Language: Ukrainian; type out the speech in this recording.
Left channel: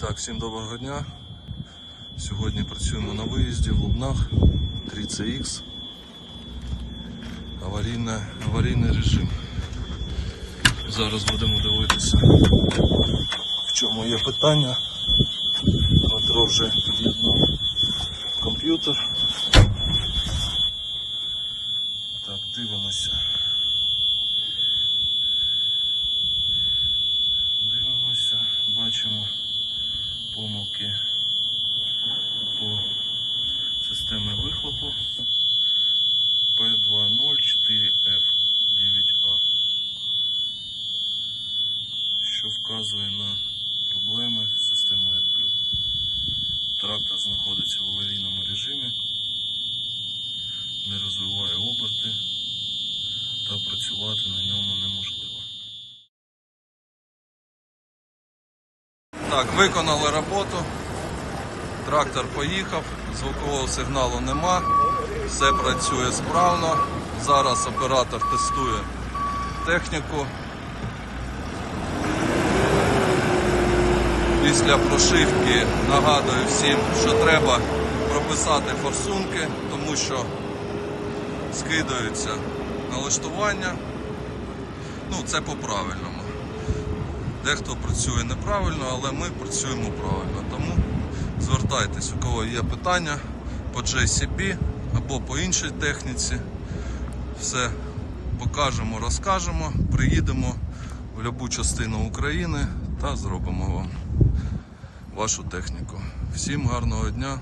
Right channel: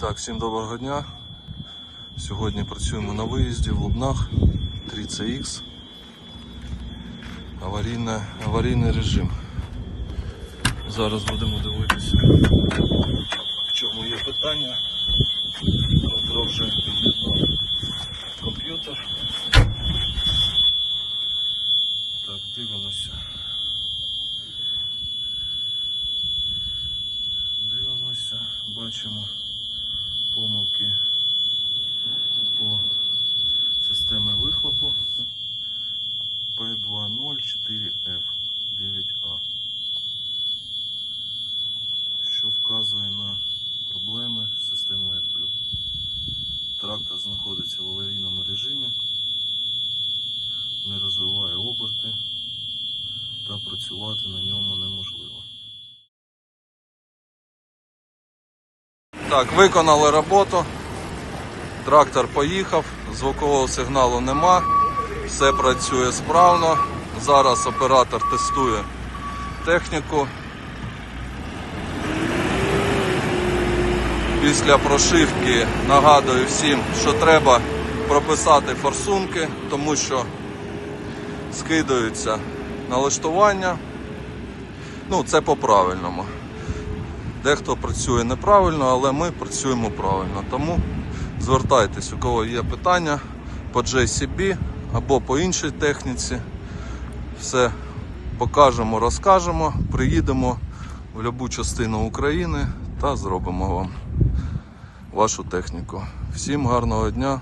Так, всім доброго дня. Сьогодні працюємо на виїзді в Лубнах 3CX. Аварійне, аварійний режим. Зараз будемо дивитися, в чому є питання. Дмитро вже під'єднав комп'ютер. Так, дивимося. Дивимося, бачимо помилки по системі вихлопу P204F9A, що вказує на проблеми з системою AdBlue. Трактор знаходиться в аварійному режимі, не розвиває оберти та працювати на ньому Так, виконали роботу. Трактор поїхав, звукового сигналу нема, все працює справно. Зараз оператор тестує техніку. Після прошивки нагадую всім, що треба прописати форсунки, тому що скидаються налаштування. Ну, це по-правильному. Дехто працює неправильно, але ми працюємо правильно. Тому звертайтесь, у кого є питання по JCB або по іншій техніці. Все покажемо, розкажемо, приїдемо в будь-яку частину України та зробимо вам вашу техніку. Всім гарного дня,